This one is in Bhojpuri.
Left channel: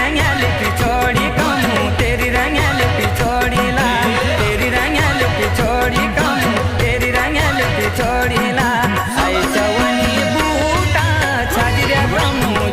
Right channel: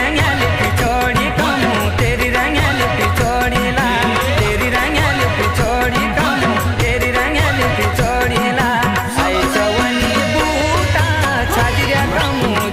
रंगल पिछोड़ी कमू तेरी रंगल पिछोड़ी ला तेरी रंगल पिछोड़ी कमू तेरी रंगल पिछोड़ी ला आई चवनी बूटा छाजरिया कमू